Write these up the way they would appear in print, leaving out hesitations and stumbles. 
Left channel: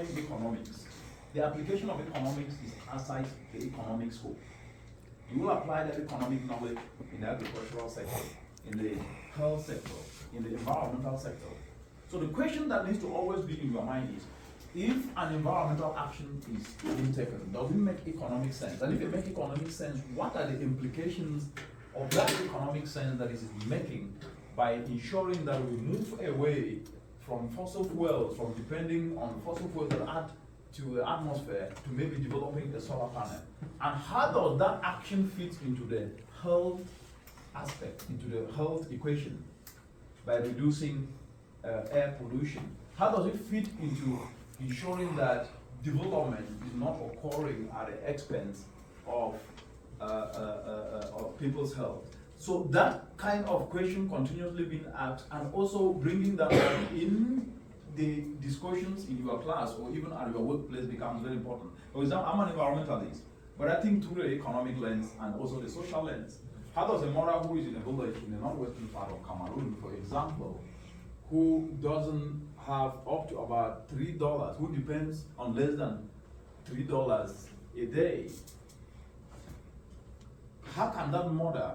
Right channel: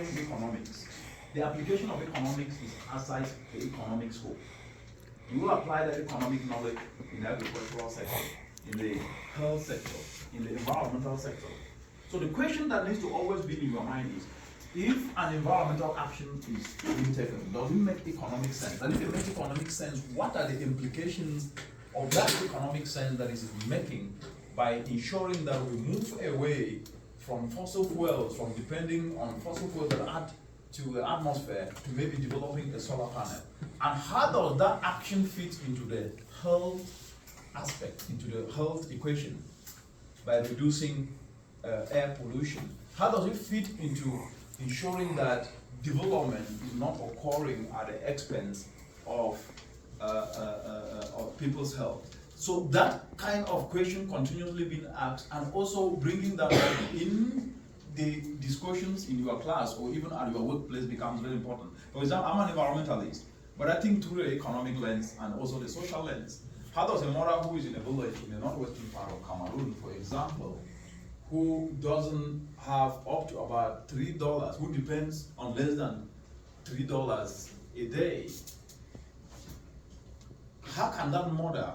exploring economics. The application of economics is outside the economic scope. You will apply that economic knowledge in the agricultural sector, in the health sector, in the environmental sector. So the question that needs to always be in your mind is, if an environmental action is being taken, does it make economic sense? And if it makes economic sense, what are the implications of that economic sense that is making by ensuring that we move away from fossil fuels, from depending on fossil fuels that add to the atmosphere, to maybe developing a solar panel? And how does that action fit into the health aspect, into the health equation by reducing air pollution? How does it fit into ensuring that development is not occurring at the expense of people's health? So that kind of question continuously being asked, and also bringing that up in the discussions in your class or even at your workplace becomes very important. For example, I'm an environmentalist, but I think through the economic lens and also the social lens. How does a mother who is in a village in the northwestern part of Cameroon, for example, who doesn't have up to about $3, who depends on less than $3 a day, how can that mother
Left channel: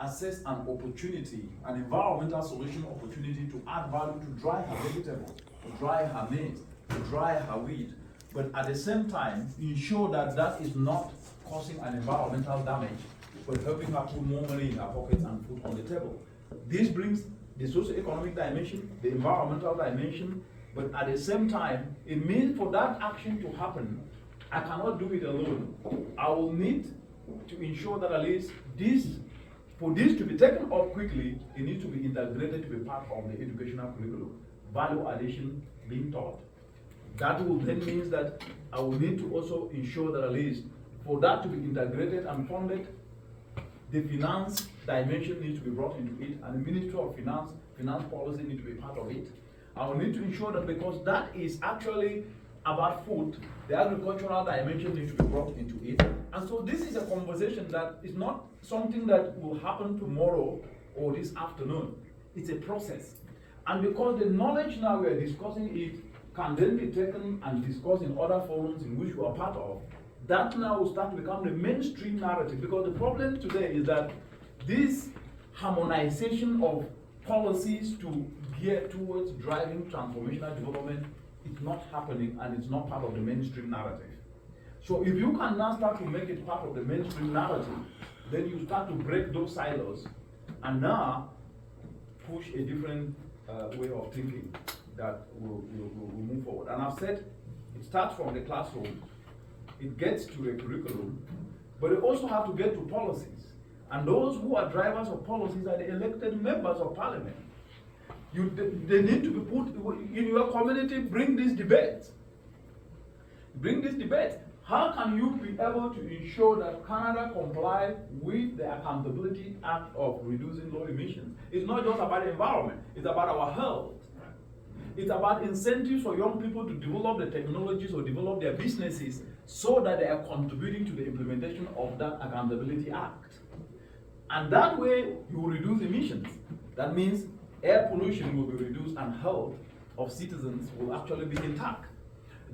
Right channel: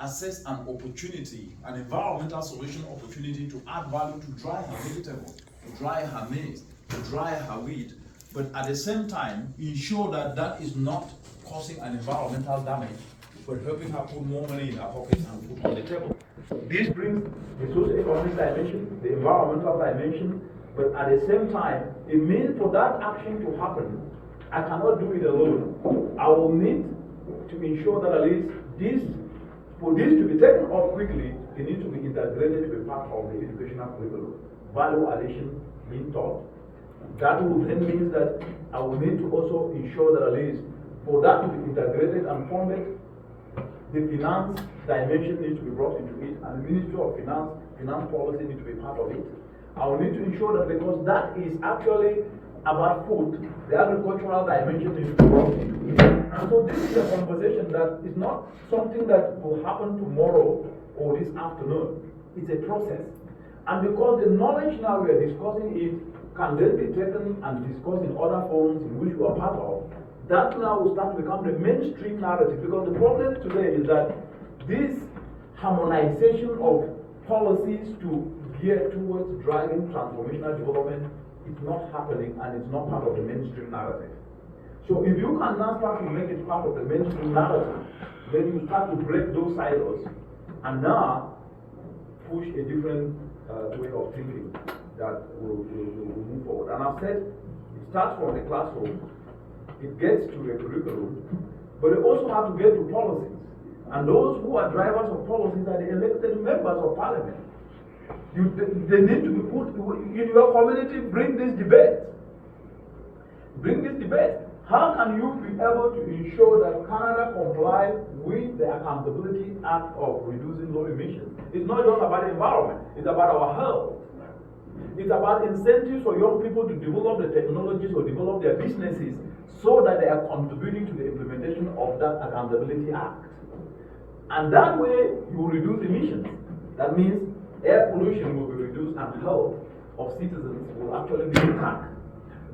assess an opportunity, an environmental solution opportunity to add value to dry her vegetable, to dry her maize, to dry her wheat, but at the same time ensure that that is not causing an environmental damage, but helping her put more money in her pockets and food on the table? This brings the socio-economic dimension, the environmental dimension, but at the same time, it means for that action to happen, I cannot do it alone. I will need to ensure that at least for this to be taken up quickly, it needs to be integrated to be part of the educational curriculum. Value addition being taught. That will then mean that I will need to also ensure that at least for that to be integrated and funded, the finance dimension needs to be brought into it, and the Ministry of Finance policy needs to be part of it. I will need to ensure that, because that is actually about food, the agricultural dimension needs to be brought into it. And so this is a conversation that is not something that will happen tomorrow or this afternoon. It's a process. And because the knowledge now we are discussing it can then be taken and discussed in other forums in which we are part of, that now will start to become the mainstream narrative. Because the problem today is that this harmonization of policies to gear towards driving transformational development is not happening, and it's not part of the mainstream narrative. So if you can now start to make it part of the mainstream narrative, then you start to break those silos and now push a different way of thinking that will move forward. And I've said it starts from the classroom, it gets to the curriculum, but it also has to get to policies. And those who are drivers of policies are the elected members of parliament. They need to be put in your community. Bring this debate. Bring this debate. How can you be able to ensure that Canada comply with the Accountability Act of reducing low emissions? It's not just about the environment, it's about our health. It's about incentives for young people to develop the technologies or develop their businesses so that they are contributing to the implementation of that Accountability Act. And that way, you will reduce emissions. That means air pollution will be reduced and health of citizens will actually be intact.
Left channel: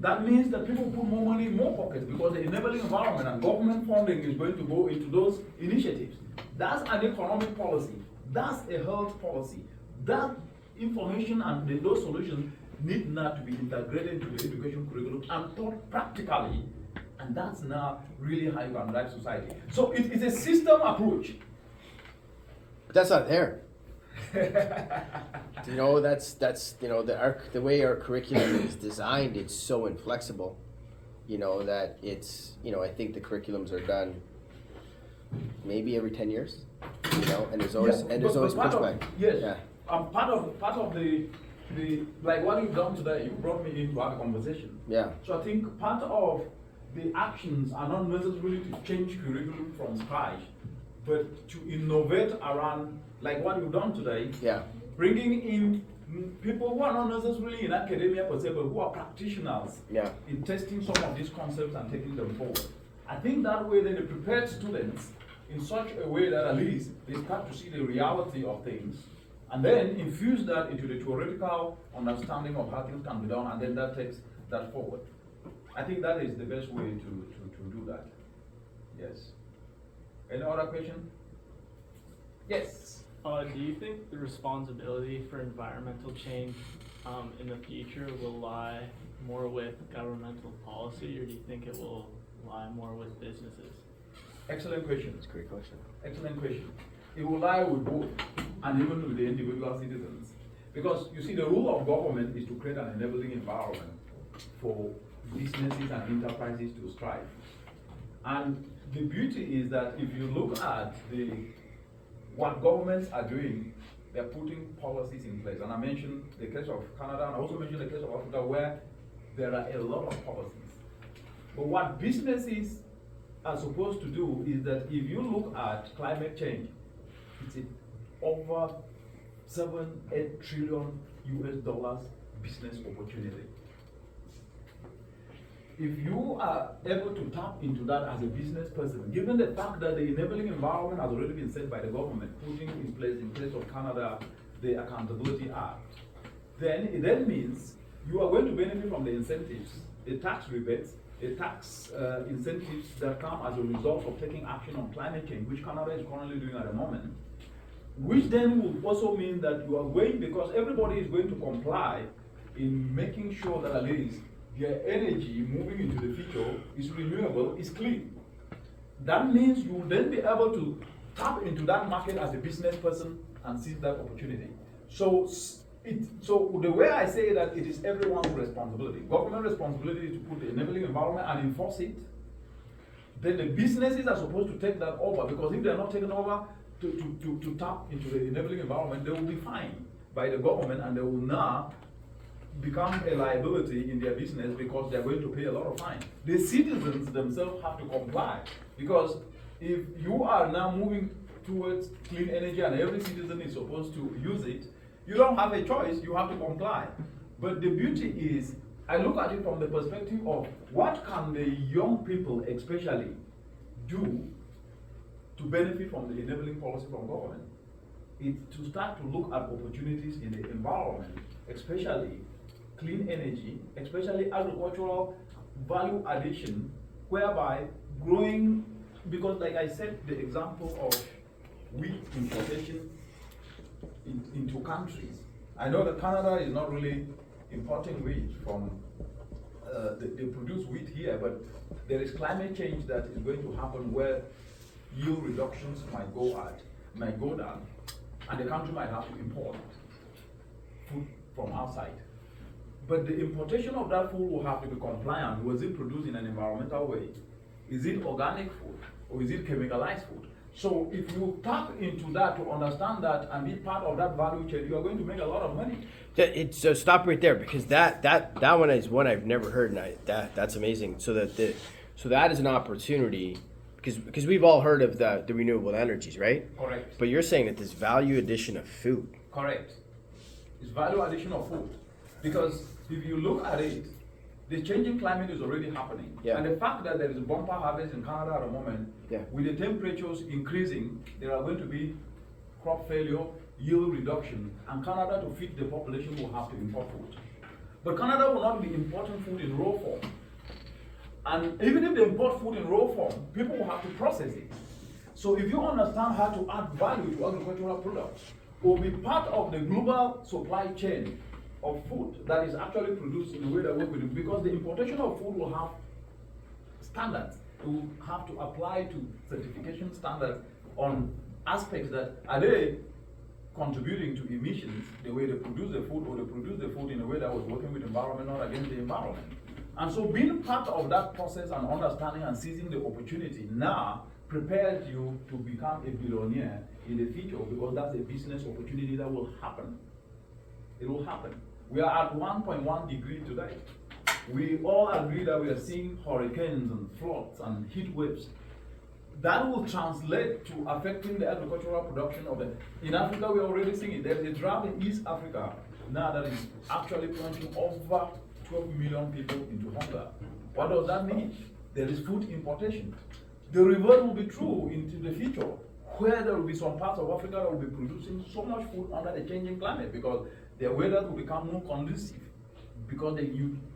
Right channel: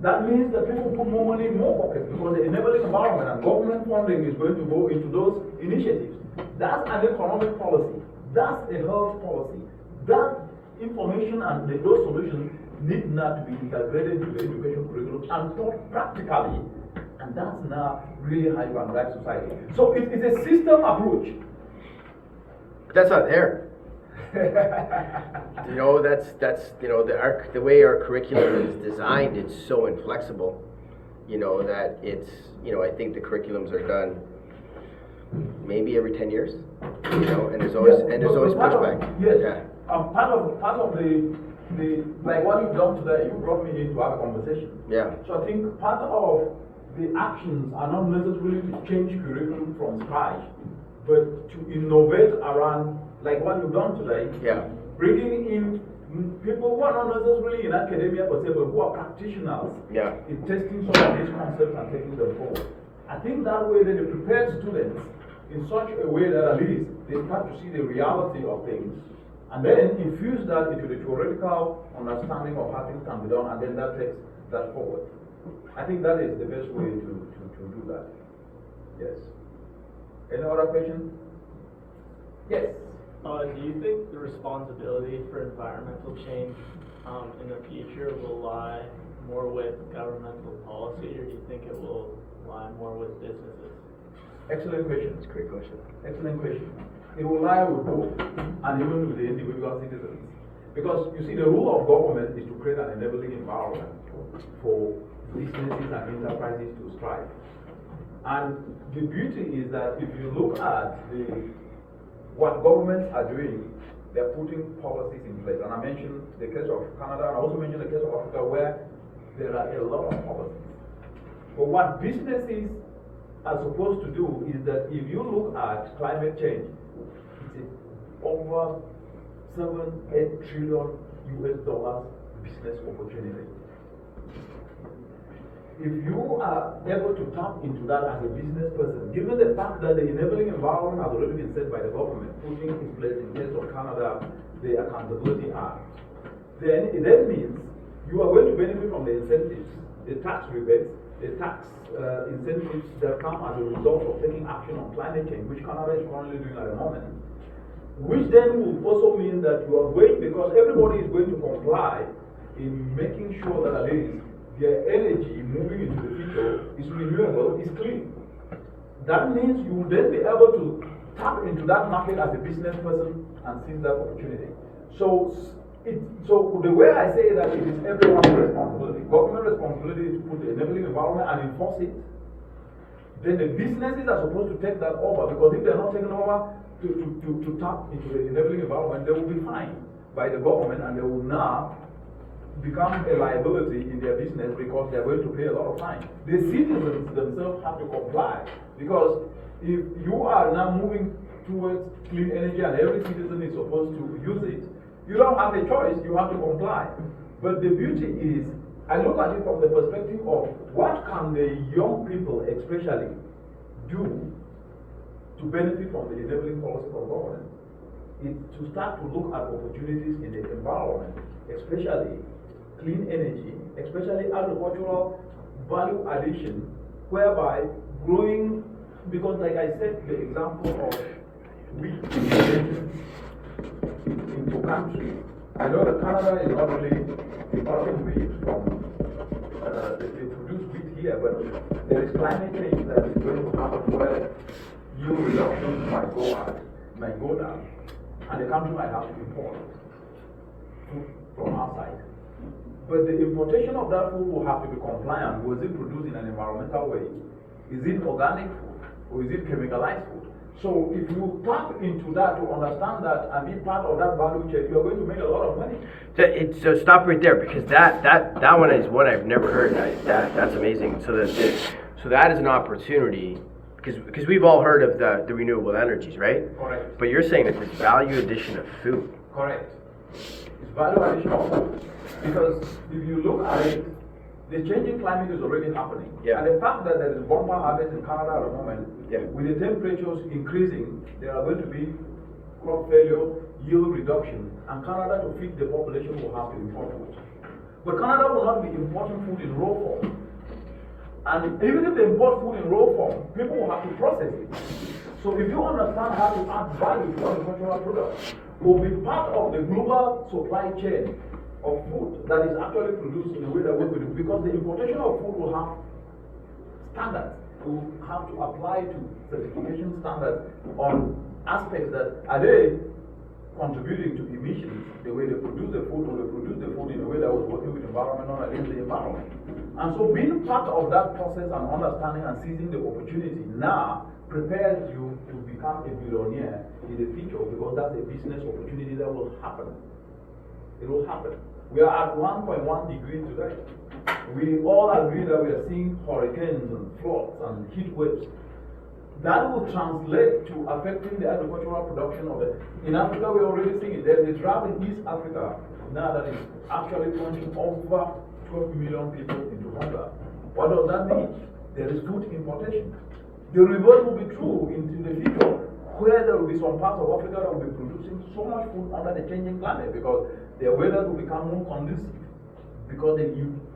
That means that people put more money in more pockets because the enabling environment and government funding is going to go into those initiatives. That's an economic policy. That's a health policy. That information and those solutions need now to be integrated into the education curriculum and taught practically. And that's now really how you can drive society. So it's a system approach. That's not there. You know, that's you know, the way our curriculum is designed, it's so inflexible, you know, that it's, you know, I think the curriculums are done maybe every 10 years, you know, and there's always pushback. Yes. Yeah. Part of the like what you've done today, you brought me into our conversation. Yeah. So I think part of the actions are not necessarily to change curriculum from scratch, but to innovate around, like what you've done today. Yeah. Bringing in people who are not necessarily in academia per se, but who are practitioners. Yeah. In testing some of these concepts and taking them forward. I think that way then you prepare students in such a way that at least they start to see the reality of things, and then infuse that into the theoretical understanding of how things can be done, and then that takes that forward. I think that is the best way to do that. Yes. Any other question? Yes. Do you think the responsibility for environmental change in the future will lie more with governmental policy, or do you think it will lie more with businesses? Excellent question. That's a great question. Excellent question. It will lie with both and even with the individual citizens. Because you see, the role of government is to create an enabling environment for businesses and enterprises to strive. And the beauty is that if you look at what governments are doing, they're putting policies in place. And I mentioned the case of Canada, and I also mentioned the case of Africa, where there are a lot of policies. But what businesses are supposed to do is that if you look at climate change, it's over 7-8 trillion US dollars business opportunity. If you are able to tap into that as a business person, given the fact that the enabling environment has already been set by the government, putting in place, in case of Canada, the Accountability Act, then it then means you are going to benefit from the incentives, the tax rebates, the tax incentives that come as a result of taking action on climate change, which Canada is currently doing at the moment. Which then will also mean that you are going, because everybody is going to comply in making sure that at least their energy moving into the future is renewable, is clean. That means you will then be able to tap into that market as a business person and seize that opportunity. So the way I say that it is everyone's responsibility. Government responsibility is to put the enabling environment and enforce it. Then the businesses are supposed to take that over, because if they are not taken over to tap into the enabling environment, they will be fined by the government, and they will now become a liability in their business because they are going to pay a lot of fines. The citizens themselves have to comply, because if you are now moving towards clean energy and every citizen is supposed to use it, you don't have a choice, you have to comply. But the beauty is, I look at it from the perspective of what can the young people especially do to benefit from the enabling policy from government. It's to start to look at opportunities in the environment, especially clean energy, especially agricultural value addition, whereby growing, because like I said, the example of wheat integration into countries. I know that Canada is not really importing wheat from, they produce wheat here, but there is climate change that is going to happen where yield reductions might go down, and the country might have to import food from outside. But the importation of that food will have to be compliant. Was it produced in an environmental way? Is it organic food? Or is it chemicalized food? So if you tap into that to understand that and be part of that value chain, you're going to make a lot of money. So stop right there, because that one is one I've never heard. That's amazing. So that is an opportunity, because we've all heard of the renewable energies, right? Correct. But you're saying that this value addition of food. Correct. It's value addition of food. Because if you look at it, the changing climate is already happening. Yeah. And the fact that there is bumper harvest in Canada at the moment, yeah, with the temperatures increasing, there are going to be crop failure, yield reduction, and Canada, to feed the population, will have to import food. But Canada will not be importing food in raw form. And even if they import food in raw form, people will have to process it. So if you understand how to add value to agricultural products, it will be part of the global supply chain of food that is actually produced in the way that we do, because the importation of food will have standards. We will have to apply to certification standards on aspects that are they contributing to emissions, the way they produce the food, or they produce the food in a way that was working with the environment, not against the environment. And so being part of that process and understanding and seizing the opportunity now prepares you to become a billionaire in the future, because that's a business opportunity that will happen. It will happen. We are at 1.1 degree today. We all agree that we are seeing hurricanes and floods and heat waves. That will translate to affecting the agricultural production of it. In Africa, we're already seeing it. There's a drought in East Africa now that is actually plunging over 12 million people into hunger. What does that mean? There is food importation. The reverse will be true into the future, where there will be some parts of Africa that will be producing so much food under the changing climate, because their weather will become more conducive. because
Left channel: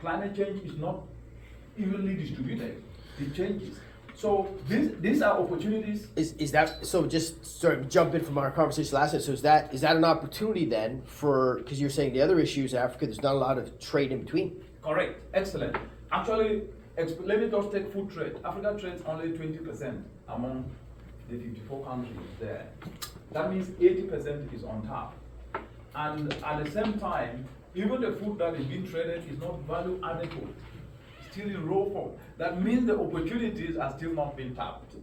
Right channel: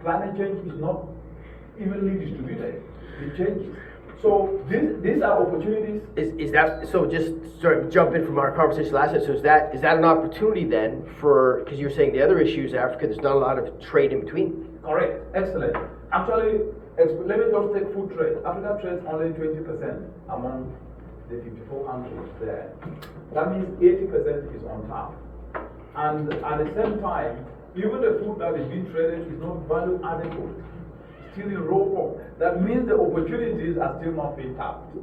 climate change is not evenly distributed. It changes. So these are opportunities. Is that so? Just sort of jump in from our conversation last night. So is that an opportunity then for, because you're saying the other issues in Africa, there's not a lot of trade in between. Correct. Excellent. Actually, let me just take food trade. Africa trades only 20% among the 54 countries there. That means 80% is on tap. And at the same time, even the food that is being traded is not value adequate. Still in raw form. That means the opportunities are still not being tapped.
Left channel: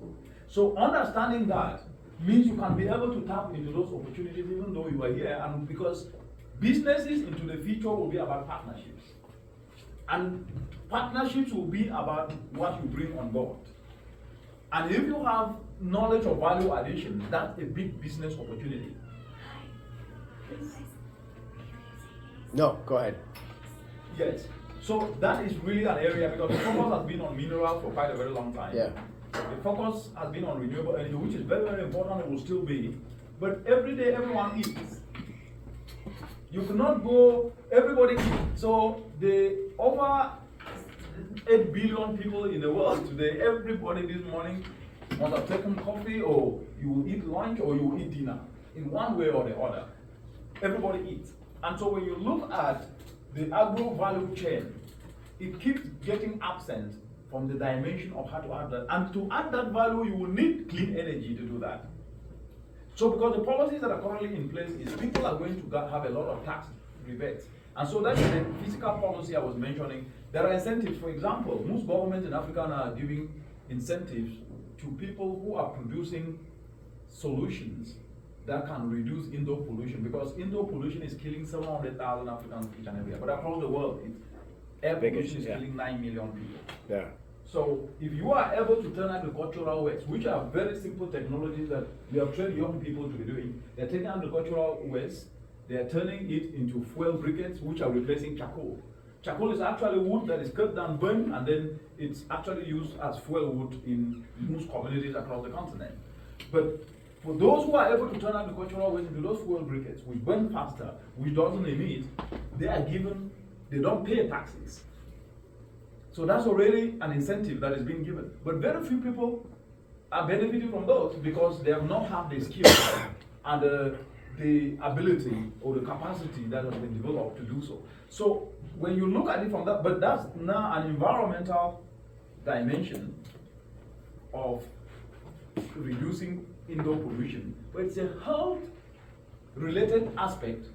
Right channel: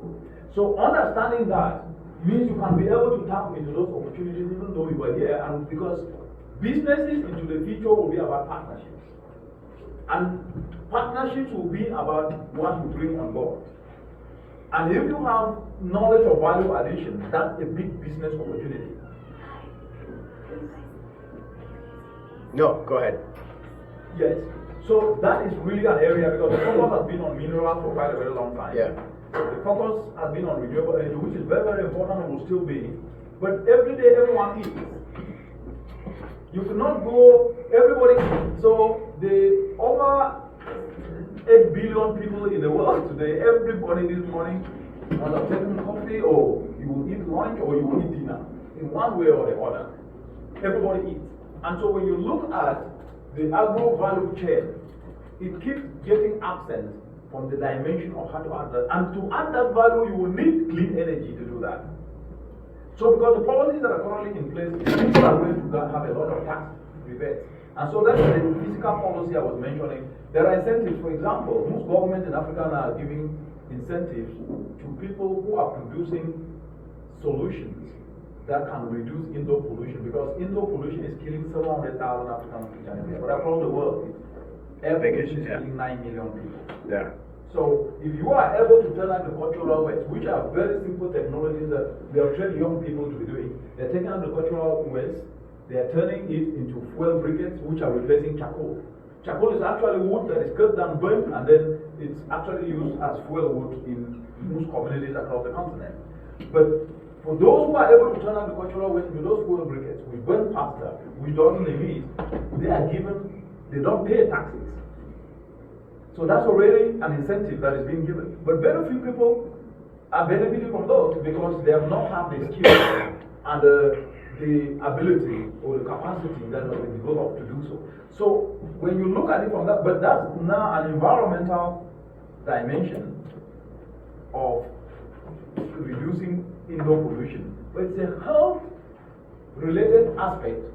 So understanding that means you can be able to tap into those opportunities even though you are here, and because businesses into the future will be about partnerships. And partnerships will be about what you bring on board. And if you have knowledge of value addition, that's a big business opportunity. No, go ahead. Yes. So that is really an area, because the focus has been on minerals for quite a very long time. Yeah. The focus has been on renewable energy, which is very, very important and will still be. But every day, everyone eats. You cannot go, everybody eats. So the over 8 billion people in the world today, everybody this morning must have taken coffee, or you will eat lunch, or you will eat dinner, in one way or the other. Everybody eats. And so when you look at the agro value chain, it keeps getting absent from the dimension of how to add that. And to add that value, you will need clean energy to do that. So because the policies that are currently in place, people are going to have a lot of tax rebates. And so that's the physical policy I was mentioning. There are incentives. For example, most governments in Africa are giving incentives to people who are producing solutions that can reduce indoor pollution, because indoor pollution is killing 700,000 Africans each and every year. But across the world, air pollution is killing 9 million people. Yeah. So if you are able to turn agricultural waste, which are very simple technologies that we have trained young people to be doing, they're taking agricultural waste, they are turning it into fuel briquettes, which are replacing charcoal. Charcoal is actually wood that is cut down, burned, and then it's actually used as fuel wood in most communities across the continent. But for those who are able to turn agricultural waste into those fuel briquettes, which burn faster, which doesn't emit, they don't pay taxes. So that's already an incentive that is being given. But very few people are benefiting from those because they have not had the skill and the ability or the capacity that has been developed to do so. So when you look at it from that, but that's now an environmental dimension of reducing indoor pollution. But it's a health related aspect,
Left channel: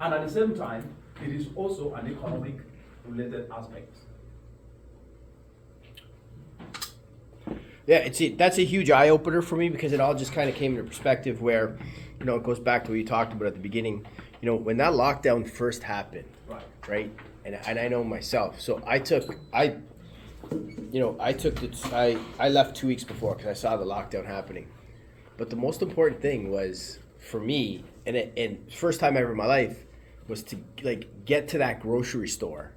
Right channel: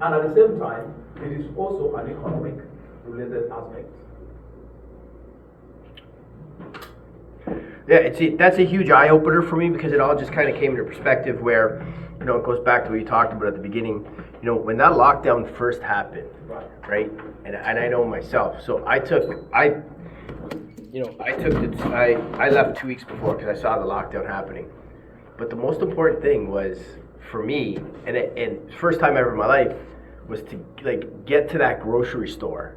and at the same time, it is also an economic related aspect. Yeah, that's a huge eye opener for me, because it all just kind of came into perspective where, it goes back to what you talked about at the beginning. When that lockdown first happened, right? And I know myself. So I left 2 weeks before because I saw the lockdown happening. But the most important thing was for me, and first time ever in my life, was to get to that grocery store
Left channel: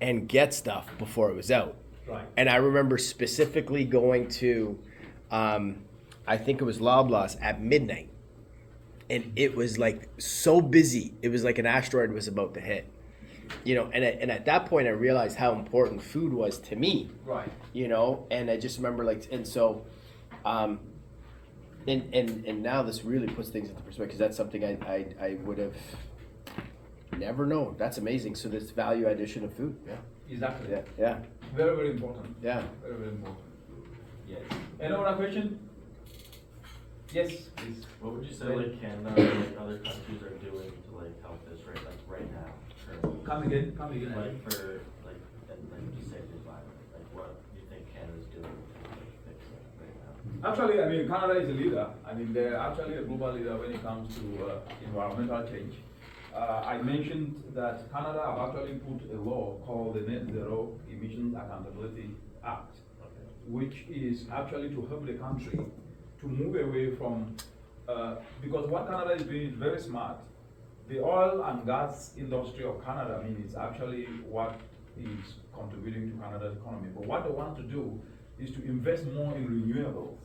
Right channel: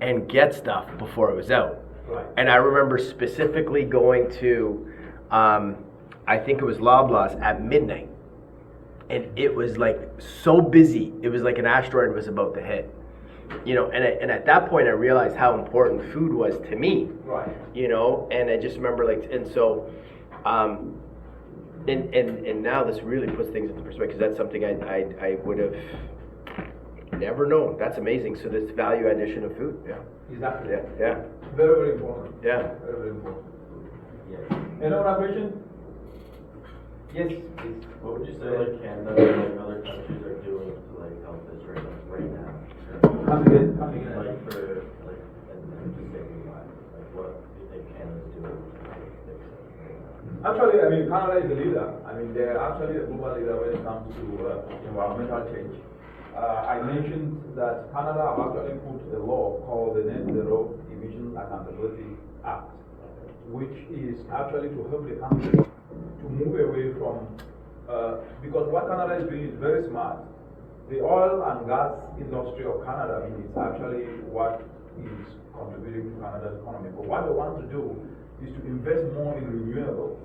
and get stuff before it was out. Right. And I remember specifically going to, I think it was Loblaws at midnight. And it was so busy. It was like an asteroid was about to hit. And at that point I realized how important food was to me. Right. And I just remember and so, and now this really puts things into perspective, because that's something I would have never known. That's amazing. So this value addition of food. Yeah. Exactly. Yeah. Very, very important. Yeah. Very, very important. Yes. Any other question? Yes, please. What would you say Canada and other countries are doing to help this right now? Come again. For and just saving lives. What do you think Canada's doing to fix it right now? Actually, Canada is a leader. They're actually a global leader when it comes to environmental change. I mentioned that Canada have actually put a law called the Net Zero Emission Accountability Act, which is actually to help the country to move away from, because what Canada is doing is very smart. The oil and gas industry of Canada, is actually what is contributing to Canada's economy. But what they want to do is to invest more in renewables,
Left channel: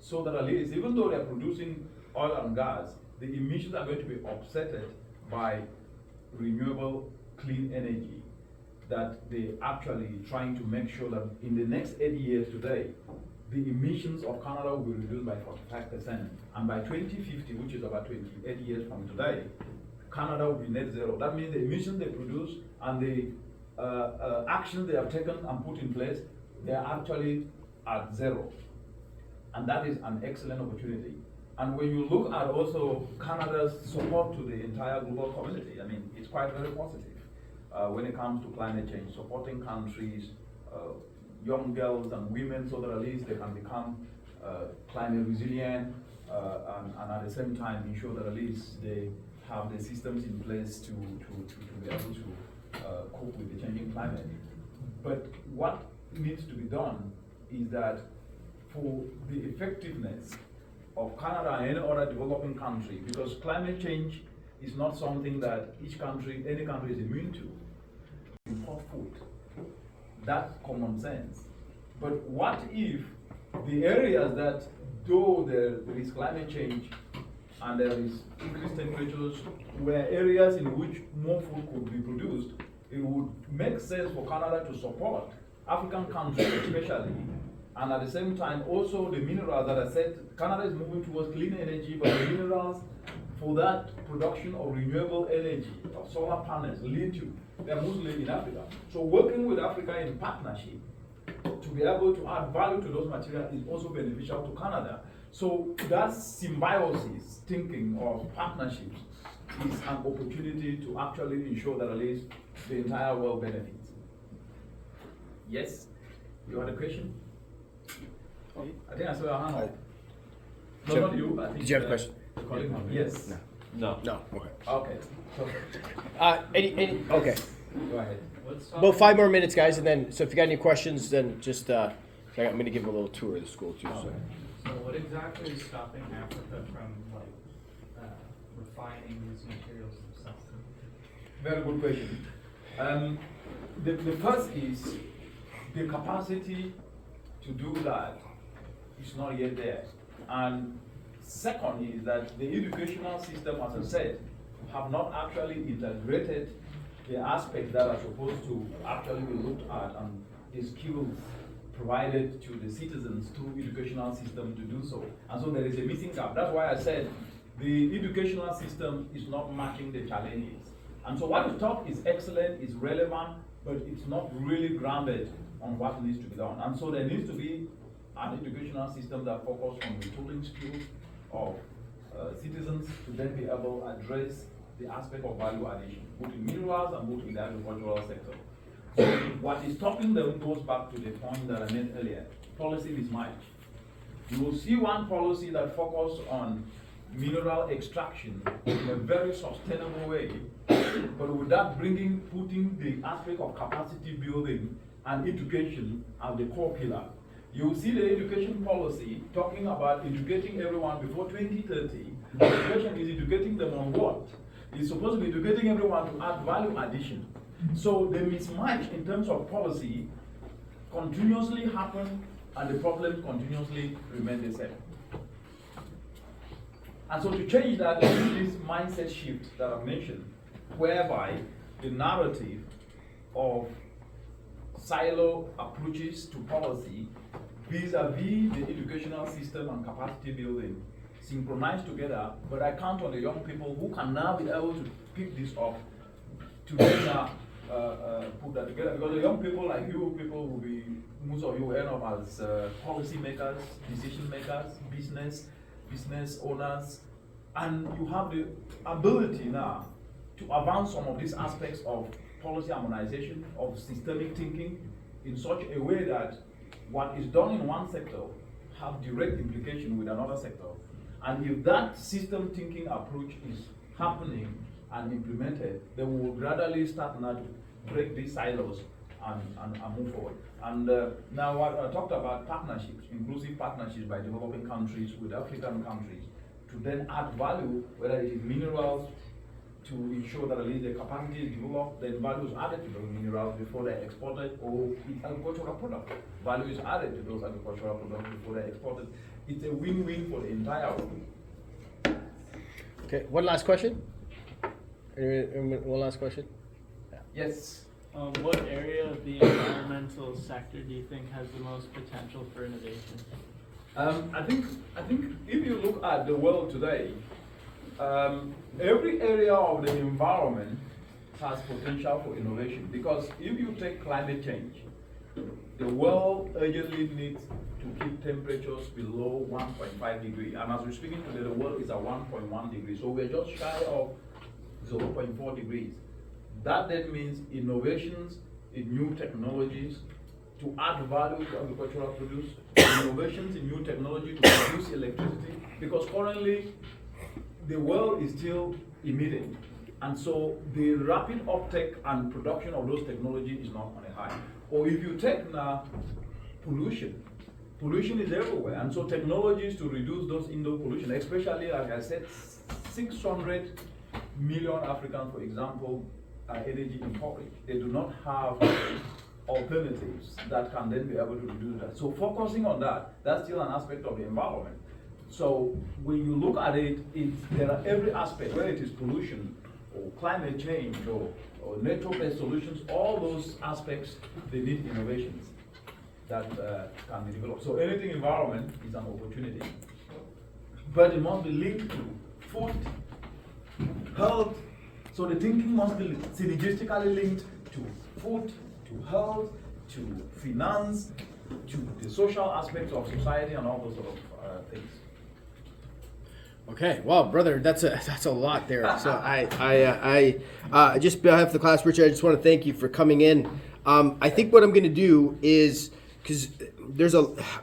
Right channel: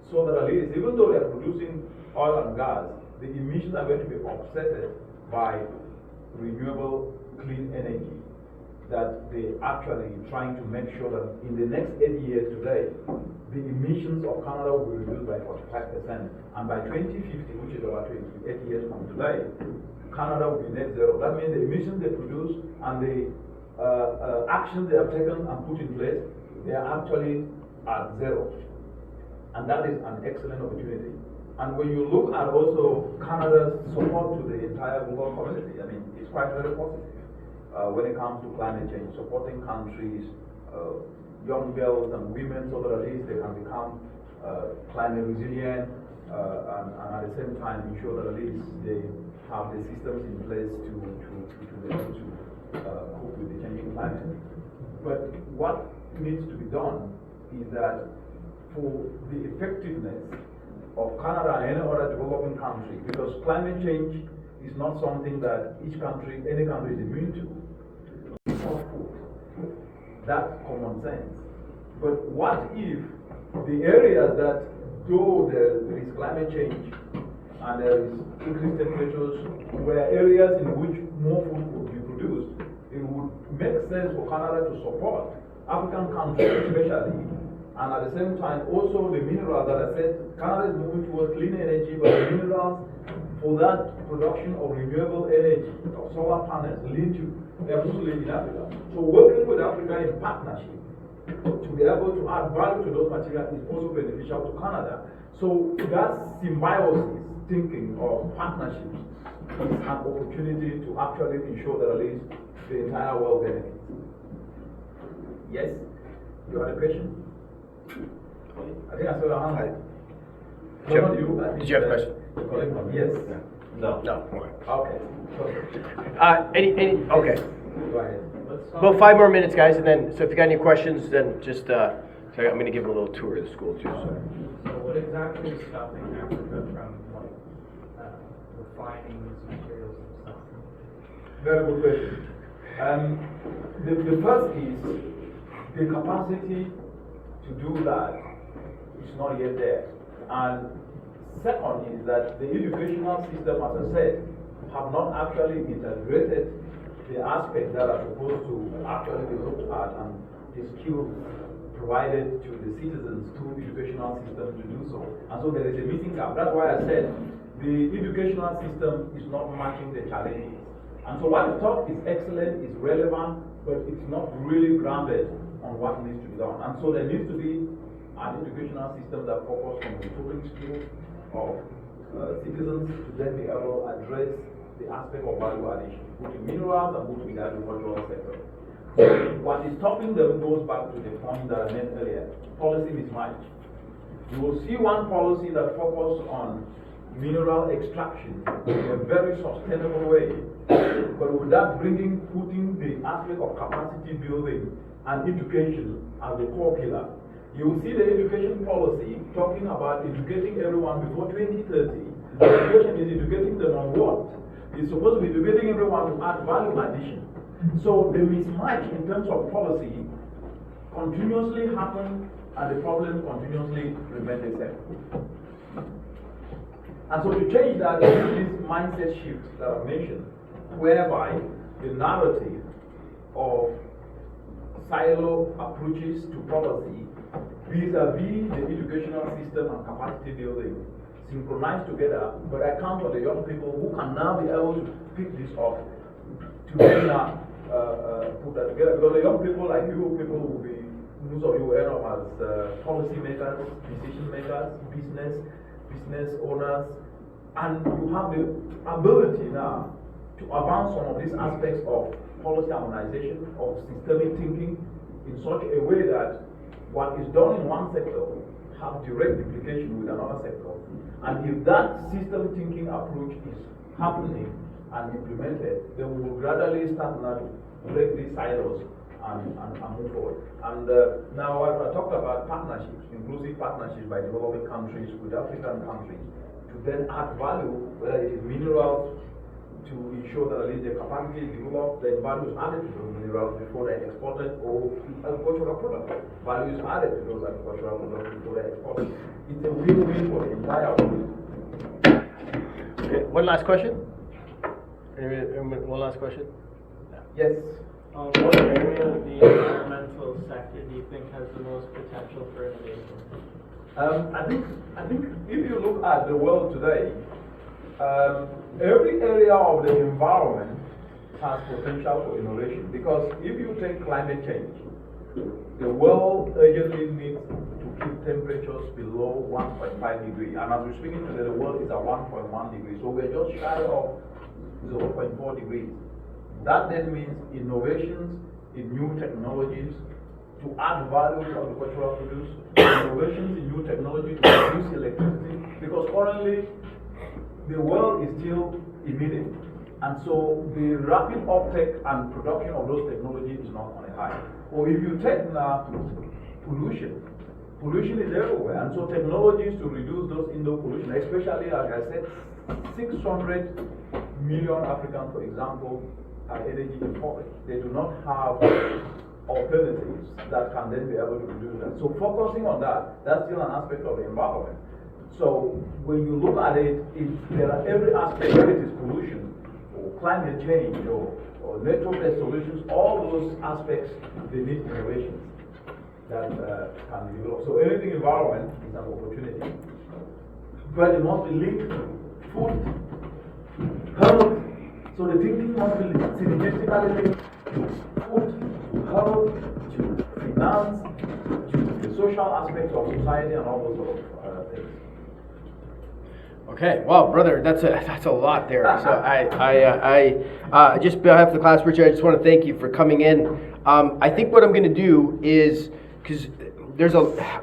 so that at least, even though they are producing oil and gas, the emissions are going to be offset by renewable clean energy, that they actually trying to make sure that in the next 80 years today, the emissions of Canada will be reduced by 45%. And by 2050, which is about 28 years from today, Canada will be net zero. That means the emissions they produce and the actions they have taken and put in place, they are actually at zero. And that is an excellent opportunity. And when you look at also Canada's support to the entire global community, I mean, it's quite very positive when it comes to climate change, supporting countries, young girls and women, so that at least they can become climate resilient, and at the same time ensure that at least they have the systems in place to be able to cope with the changing climate. But what needs to be done is that for the effectiveness of Canada and any other developing country, because climate change is not something that any country is immune to. It's not food. That's common sense. But what if the areas that, though there is climate change and there is increased temperatures, were areas in which more food could be produced, it would make sense for Canada to support African countries especially, and at the same time also the minerals that I said, Canada is moving towards clean energy, but the minerals for that production of renewable energy, of solar panels, lithium, they're mostly in Africa. So working with Africa in partnership to be able to add value to those materials is also beneficial to Canada. So that symbiosis thinking of partnerships is an opportunity to actually ensure that at least the entire world benefits. Yes? You had a question? I think I saw a hand. Did you have a question? Yes. No. No. Okay. Okay. Perfect. Okay. Go ahead. About 5 more minutes, guys, and then, so if you got any questions, then just, I'm going to give them a little tour of the school, too. So what exactly is stopping Africa from refining these materials themselves? Very good question. The first is the capacity to do that is not yet there. And second is that the educational system, as I said, have not actually integrated the aspects that are supposed to actually be looked at and the skills provided to the citizens through educational system to do so. And so there is a missing gap. That's why I said the educational system is not matching the challenges. And so what is taught is excellent, is relevant, but it's not really grounded on what needs to be done. And so there needs to be an educational system that focuses on the tooling skills of citizens to then be able to address the aspect of value addition, both in minerals and both in the agricultural sector. So what is stopping them goes back to the point that I made earlier, policy mismatch. You will see one policy that focuses on mineral extraction in a very sustainable way, but without putting the aspect of capacity building and education as the core pillar. You will see the education policy talking about educating everyone before 2030. Education is educating them on what? It's supposed to be educating everyone to add value addition. So the mismatch in terms of policy continuously happen and the problems continuously remain the same. And so to change that, there is this mindset shift that I mentioned, whereby the narrative of silo approaches to policy vis-a-vis the educational system and capacity building synchronized together, but I count on the young people who can now be able to pick this up to put that together. Because the young people like you people will be, most of you end up as policy makers, decision makers, business owners, and you have the ability now to advance some of these aspects of policy harmonization, of systemic thinking in such a way that what is done in one sector have direct implication with another sector. And if that system thinking approach is happening and implemented, then we will gradually start now to break these silos and move forward. And now I talked about partnerships, inclusive partnerships by developing countries with African countries to then add value, whether it is minerals, to ensure that at least the capacity is developed, then value is added to those minerals before they're exported, or agricultural products. Value is added to those agricultural products before they're exported. It's a win-win for the entire world. Okay, one last question? Anyone, one last question? Yeah. Yes. What area of the environmental sector do you think has the most potential for innovation? I think if you look at the world today, every area of the environment has potential for innovation, because if you take climate change, the world urgently needs to keep temperatures below 1.5 degrees, and as we're speaking today, the world is at 1.1 degrees, so we're just shy of 0.4 degrees. That then means innovations in new technologies to add value to agricultural produce, innovations in new technology to produce electricity, because currently the world is still emitting, and so the rapid uptake and production of those technologies is not on a high. Or if you take now pollution is everywhere, and so technologies to reduce those indoor pollution, especially like I said, 600 million Africans, for example, are energy impoverished. They do not have alternatives that can then be able to reduce that. So focusing on that, that's still an aspect of the environment. So when you look at it, there are every aspect, whether it is pollution or climate change or nature-based solutions, all those aspects, they need innovations that can be developed. So anything environment is an opportunity, but it must be linked to food, health. So the thinking must be synergistically linked to food, to health, to finance, to the social aspects of society, and all those sort of things. Okay, well, brother, that's a lot there. So I just on behalf of the class, Richard, I just want to thank you for coming in. I think what I'm going to do is, because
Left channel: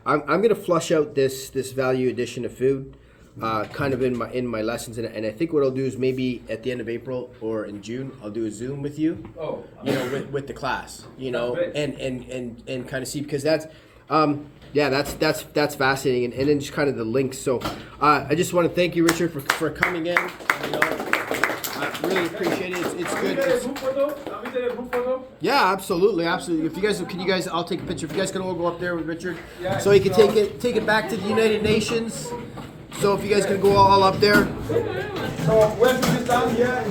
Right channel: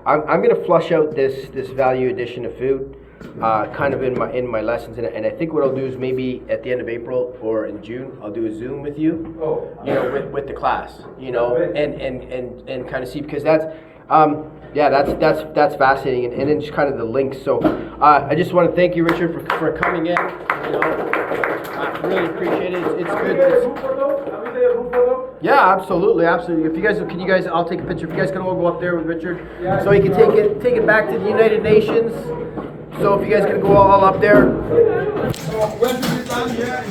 I'm going to flush out this value addition of food, kind of in my lessons, and I think what I'll do is maybe at the end of April or in June, I'll do a Zoom with you. Oh, you know, with the class, you know, Great. and kind of see, because that's that's fascinating, and then just kind of the links. So I just want to thank you, Richard, for coming in. You know, I really appreciate it. It's good. Can we take a group photo? Yeah, absolutely. If you guys, I'll take a picture. If you guys can all go up there with Richard, Yeah, so he can take it back to the United Nations. So if you guys can go all up there. So when should we stand here?